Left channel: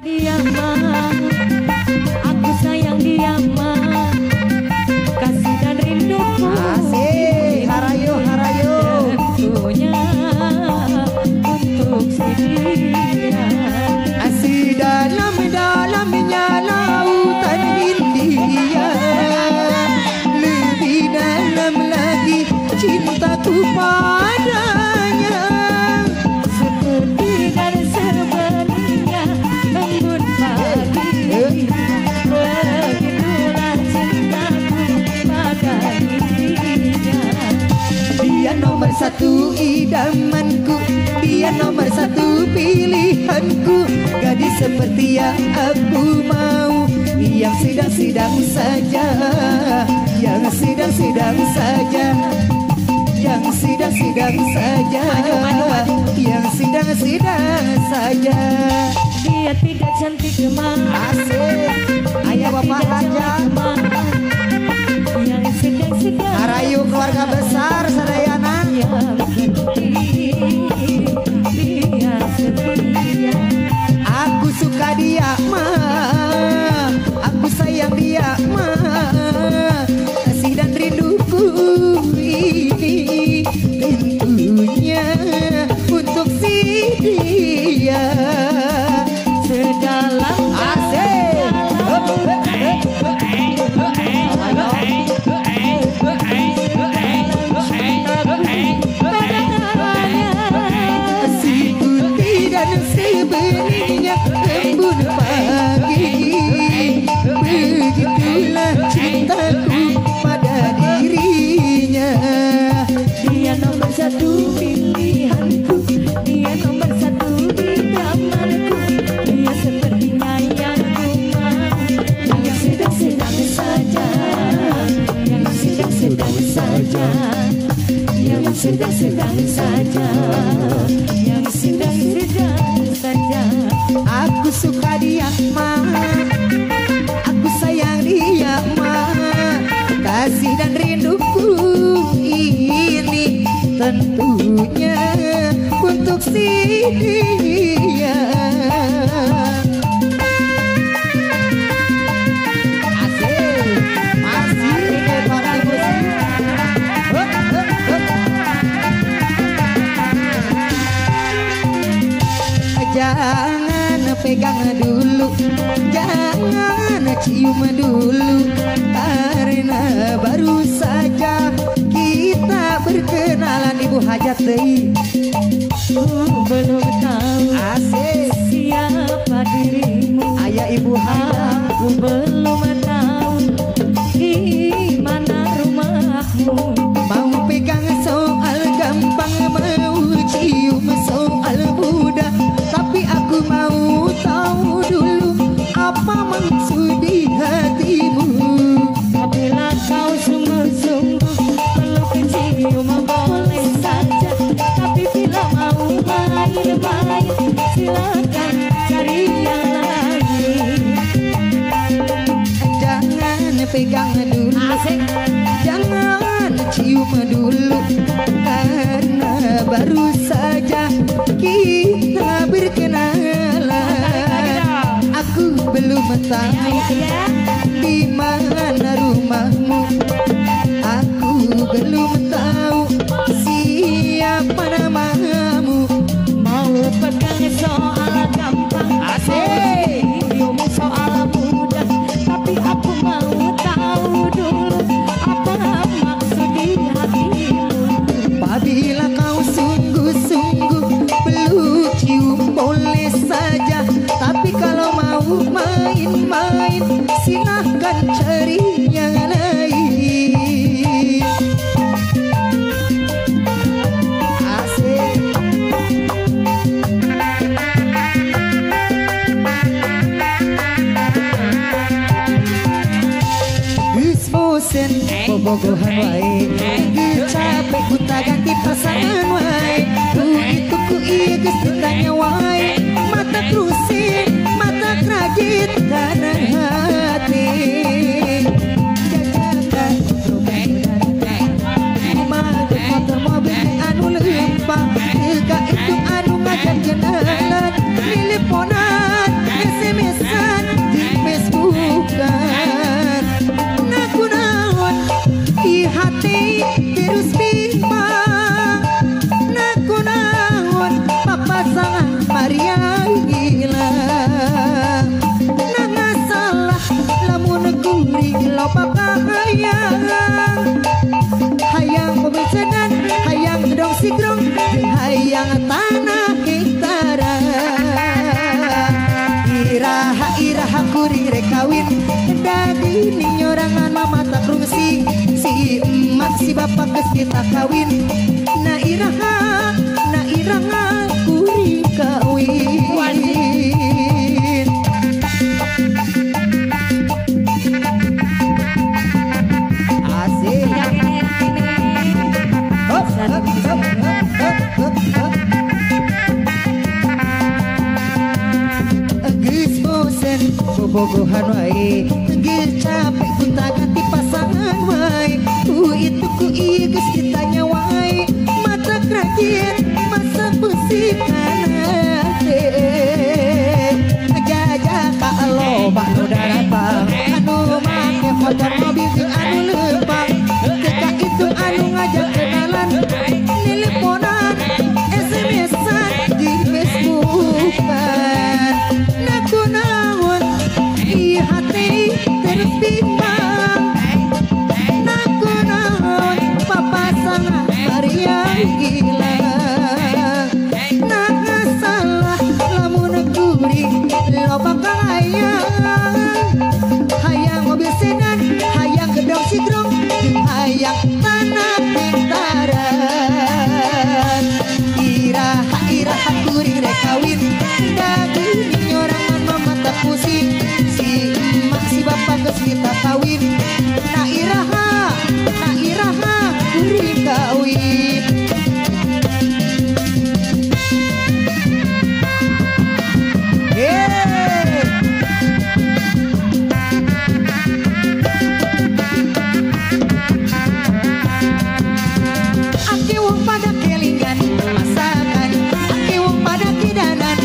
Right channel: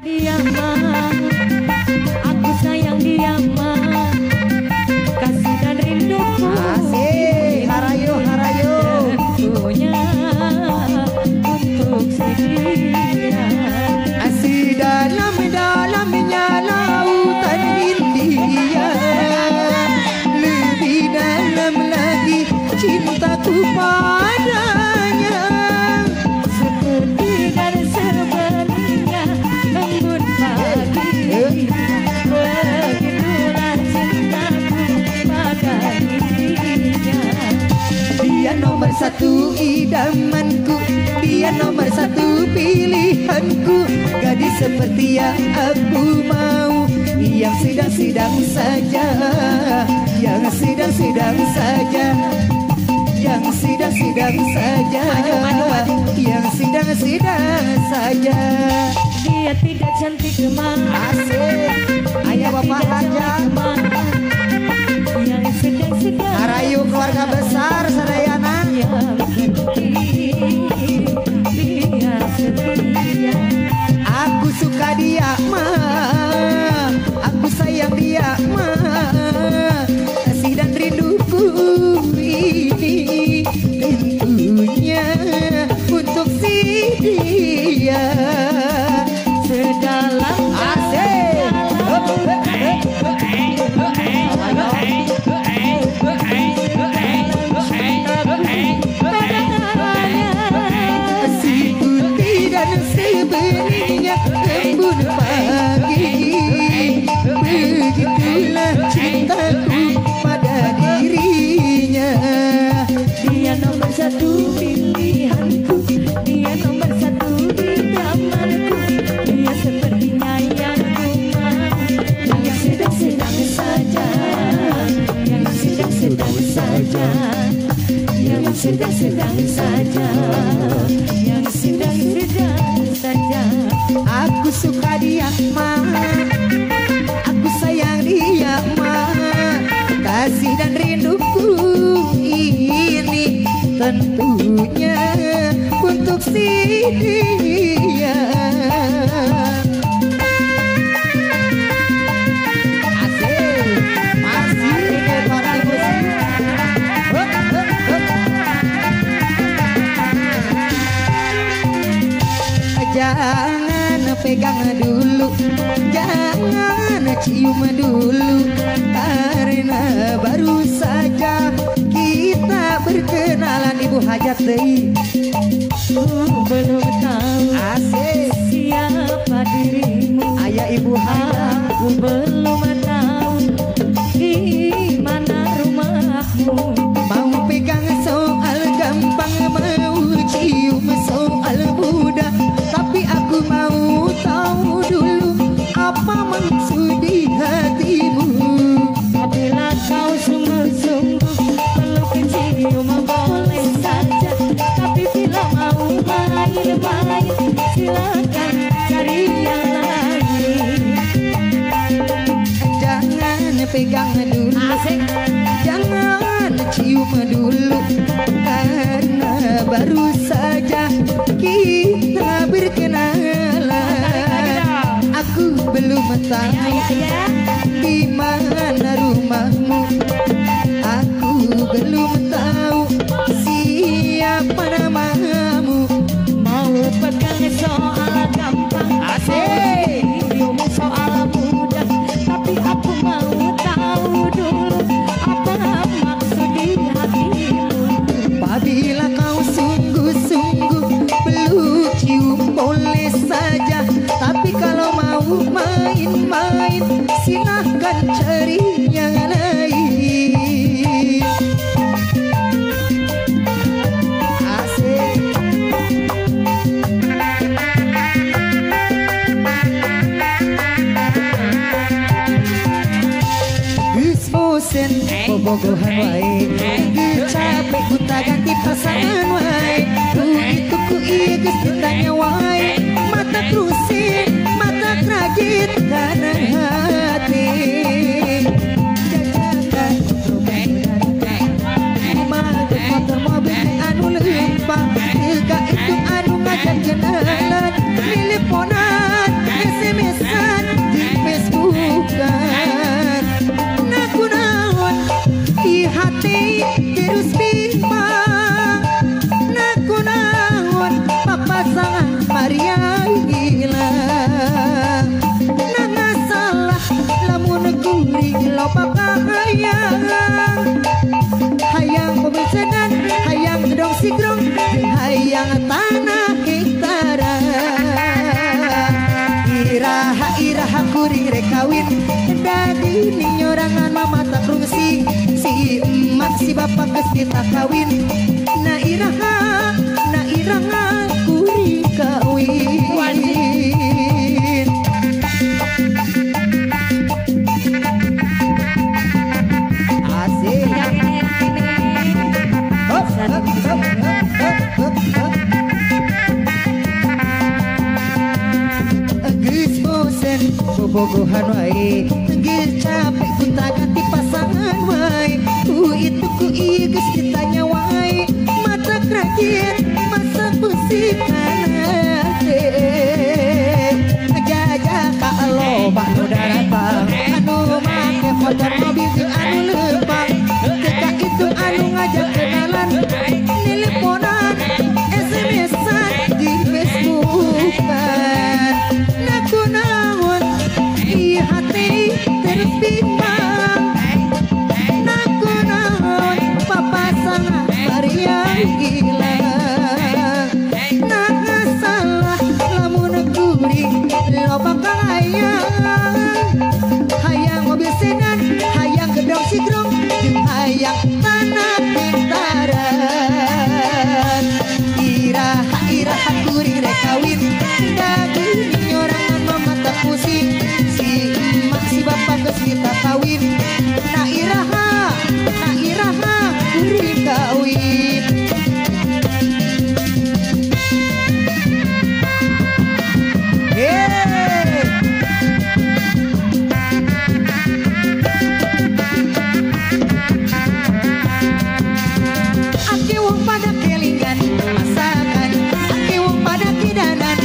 Dia mah, aku sayang dia mah, kasih dan rinduku. Asik, harayo harayo. Tentunya untuk si dia. Asik dalam-dalamnya lautan impian. Lebih dalam lagi cintaku padanya. Tidak sebenarnya lembut hati, begitulah cintaku pada dirinya. Dia nomor satu idamanku, dia nomor satu pilihanku. Gadis seperti yang aku mau, yang sidang-sidang saja, yang sidang-sidang saja, yang sidang-sidang saja, yang sidang-sidang saja. Dia tidak cantik cuma Asik, ayah bapak aja. yang sedang-sedang Harayu keluarga besar sadayana. yang penting dia setia. Aku suka dia mah, aku sayang dia mah, kasih dan rinduku ini tentunya untuk si dia. Sedalam Si putih dan sebenarnya embun pagi, begitulah cintaku pada dirinya. dia nomor satu pilihanku, dia nomor satu di kamarku, dia sepertinya yang ku mau, yang sedang-sedang saja, yang sedang-sedang saja, yang sedang-sedang saja, yang sedang-sedang saja. Aku suka dia mah, aku sayang dia mah, kasih dan rinduku ini tentunya untuk si dia. Asik, asik para musik. Jangan pegang dulu, jangan cium dulu, karena baru saja kita berkenalan Ibu Hajat deui. Belum tahu Asik, siapa dirimu, ayah Ibu Hajat. aku belum tahu di mana rumahmu. Mau pegang soal gampang, mau cium soal mudah, tapi aku mau tahu dulu apa maksud di hatimu. Apabila kau sungguh-sungguh peluk cium boleh saja, tapi bila mau main-main silakan cari yang lain. Jangan pegang dulu, jangan cium dulu, karena baru saja kita berkenalan. Aku belum tahu di mana rumahmu, aku belum tahu siapa namamu. Mau pegang soal gampang, cium soal mudah, tapi aku mau tahu dulu apa maksud di hatimu. Apabila kau sungguh-sungguh peluk cium boleh saja, tapi kalau mau main-main silahkan cari yang lain. Asik. Geus bosen bobogohan wae, geus capek buta ganti pasangan wae. Ku itu ku ieu geus ditanya wae, mata terusin, mata kerajit kana hati. Jajanan rumah mobil anu leumpang, teu ka itu anu ngajan jenengan, teleponan, SMS bobogohan wae geus capek kita ganti pasangan wae itu ku ieu geus ditanya wae mata kerajaan masa pusikan ngejajah ka loba nu daratang anu make motor mobil si anu leumpang ketika itu anu ngajak kenalan teleponan SMS-an di Facebook-an naku naon di hati terpimpang naku naon papasan Maria gila nak salah lamun kuring loba kalayang hayang mobil sedan hayang gedong sigrong hayang tanah pintaran iraha kuring rek kawin dagu ni orang mata pusing si emak si bapak geus kita kawin na iraha kuring kawin ake wong pada kelingan masakan ake wong pada kidanan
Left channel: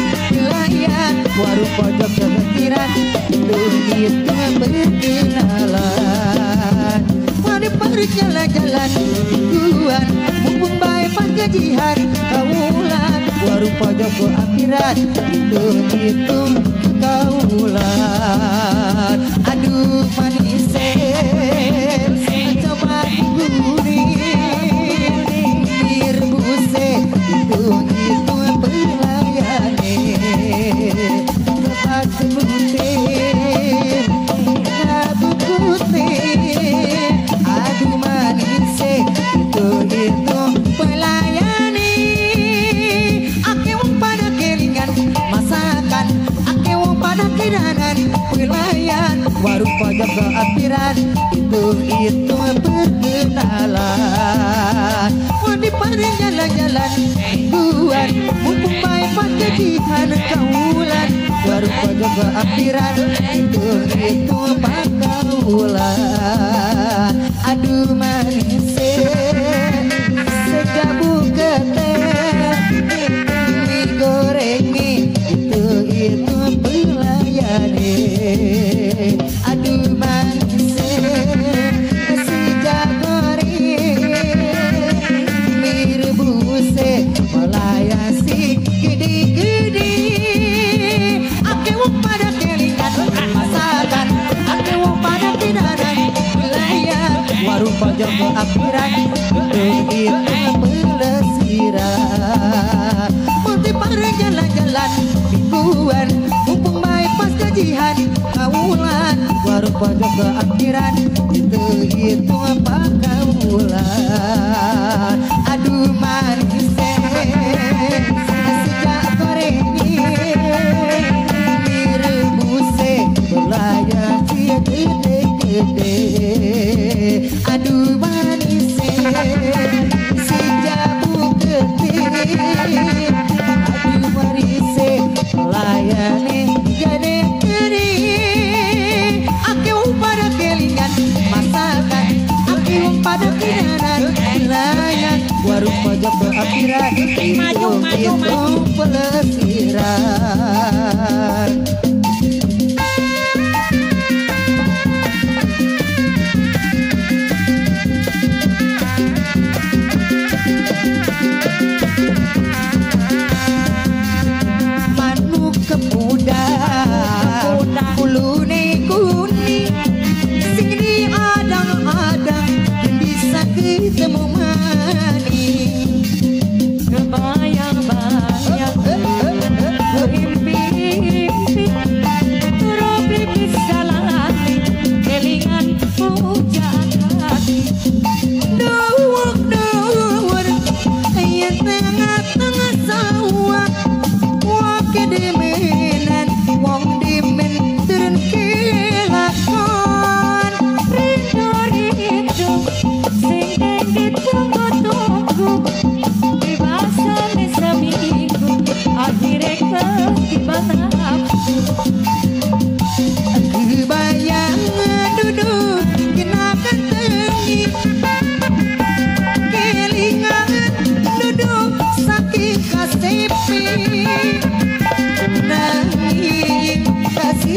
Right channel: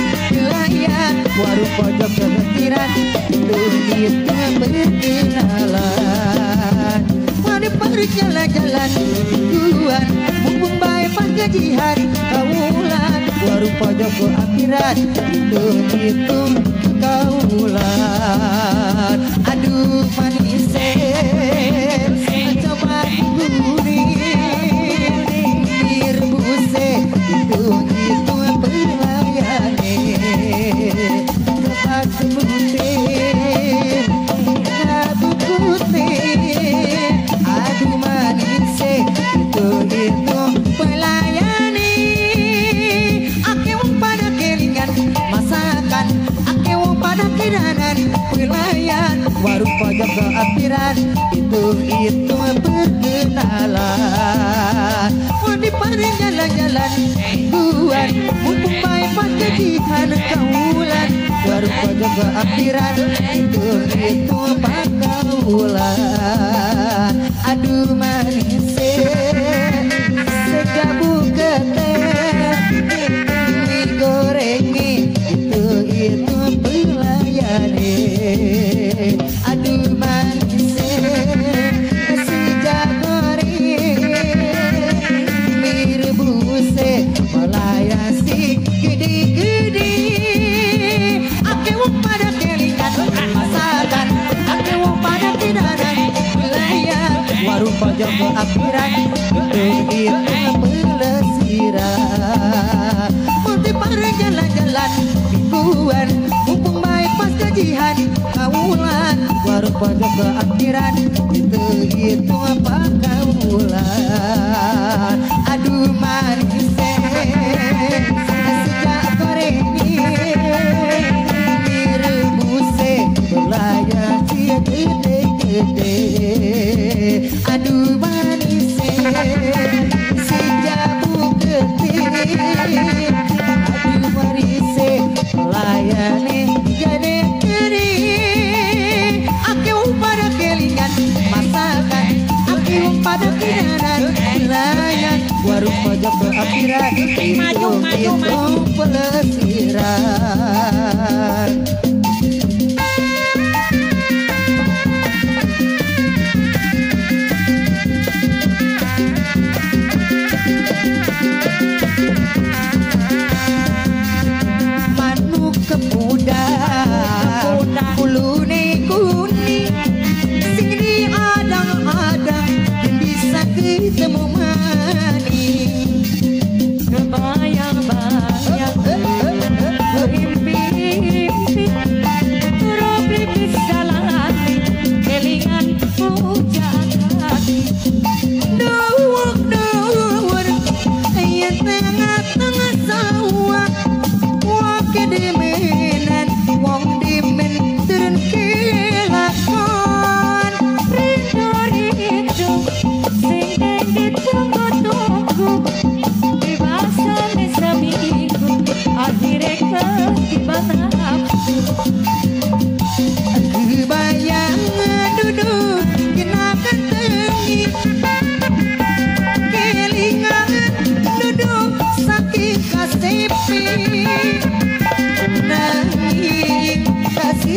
layan warung pojok kehentiran itu berkenalan pada perjalan-jalan tujuan mumpung bae panggajian kawulan warung pojok keakhiran itu kawulan aduh manis coba gurih buse itu belayane kata putih aduh manis itu belayane ake wong pada kelingan masakan ake wong pada kidanan pelayan warung pojok keakhiran itu perkenalan di perjalan-jalan tuan mumpung bae panggajian kawulan warung pojok keakhiran itu pakaulan aduh manis sejabu geteh digoreng itu belayane aduh manis si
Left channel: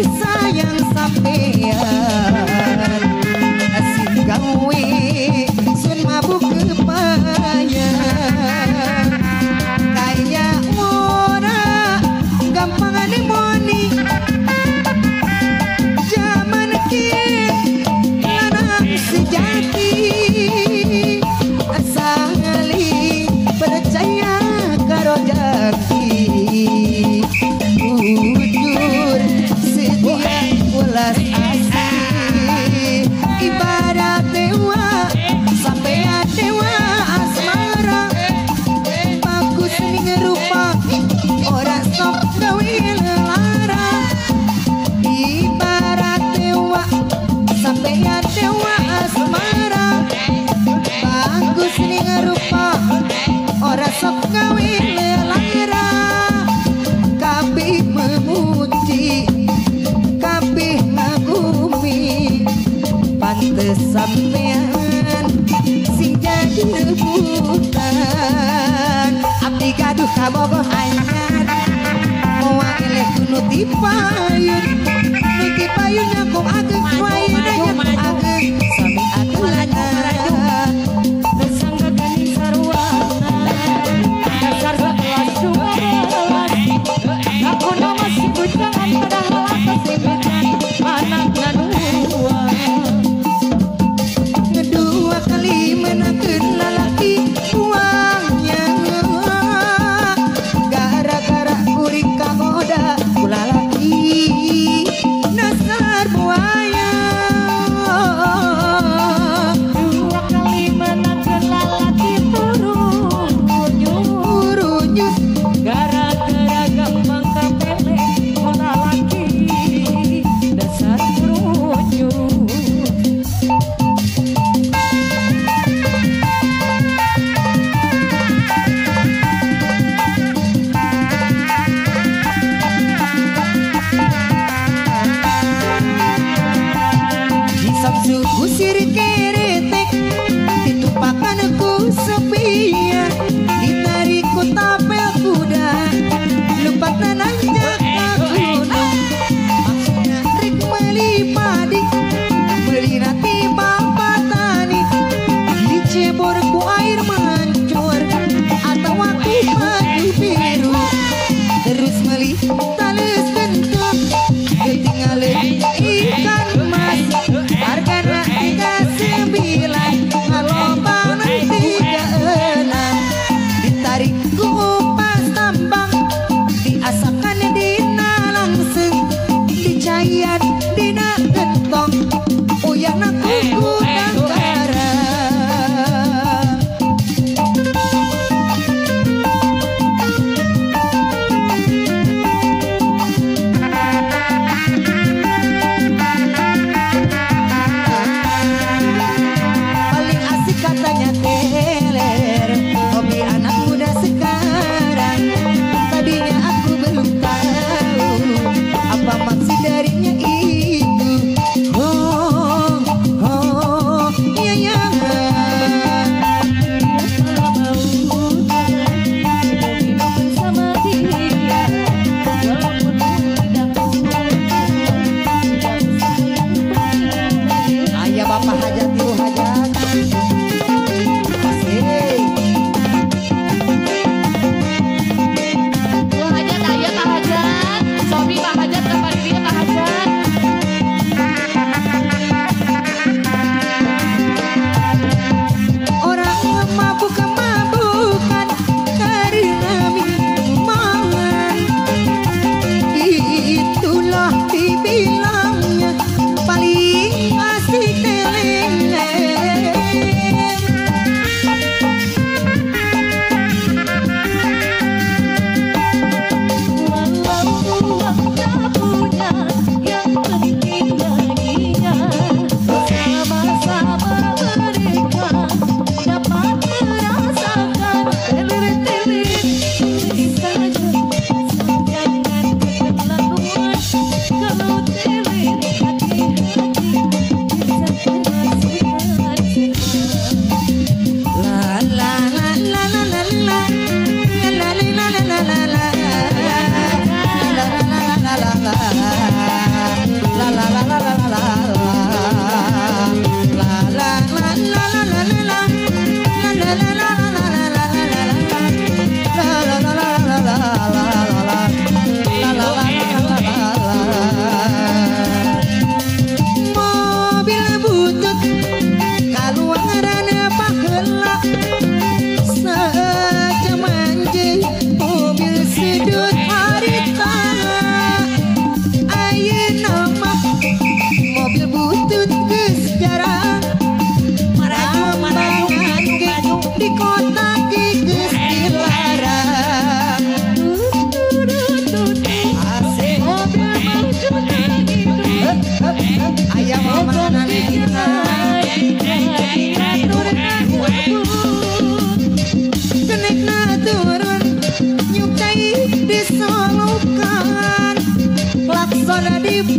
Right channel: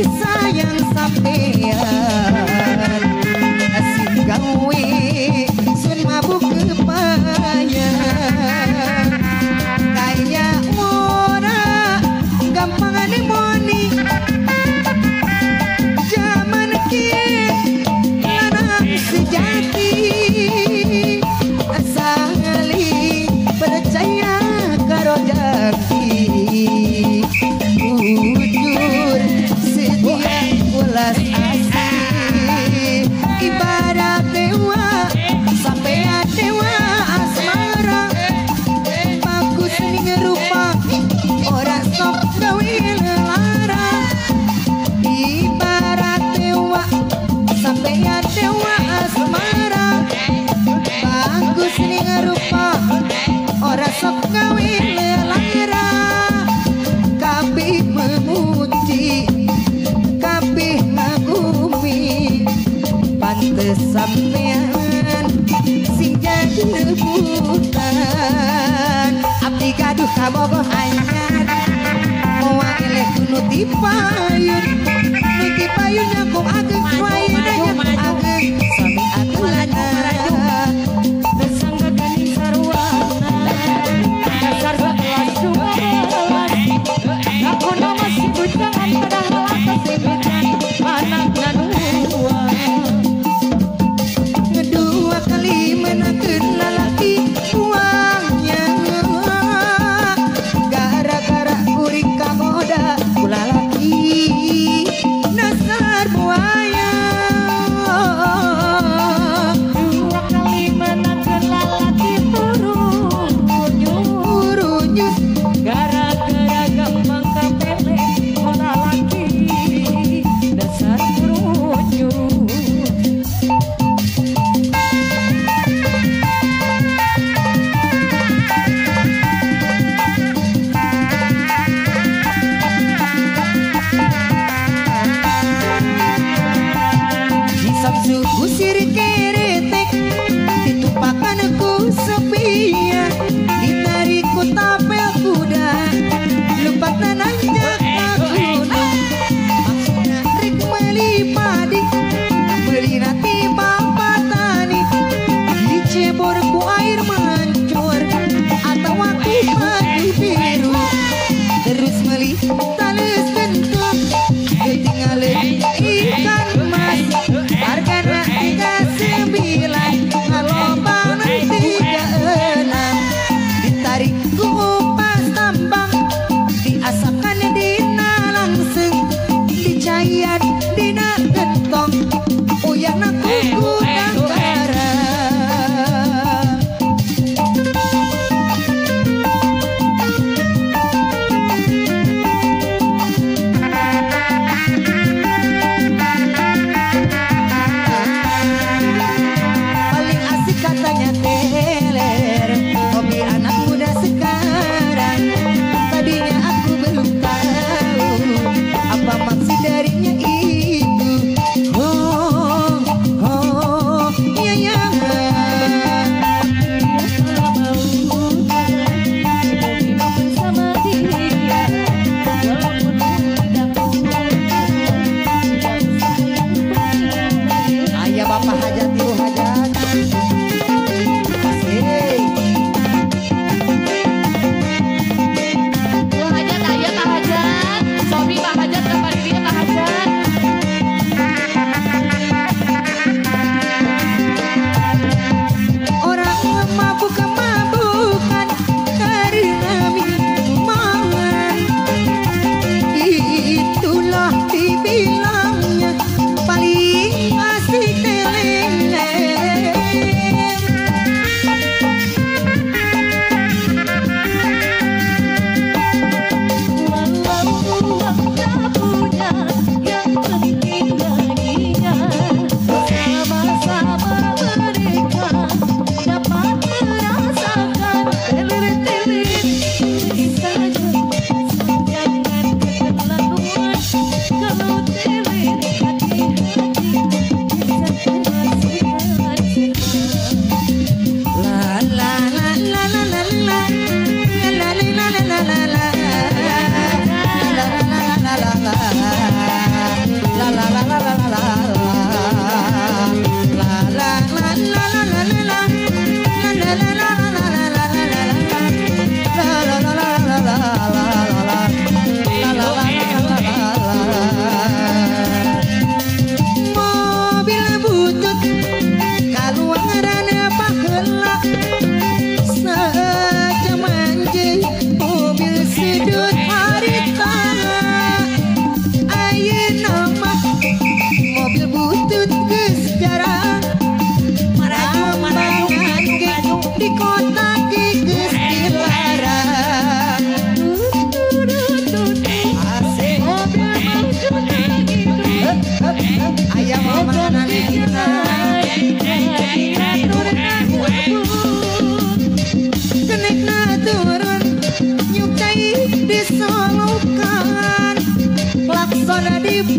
sayang sampean asik gawe sun mabuk kepayan kaya ora gampang anemoni zaman kieu lanang sejati asali percaya karo jati jujur setia ada di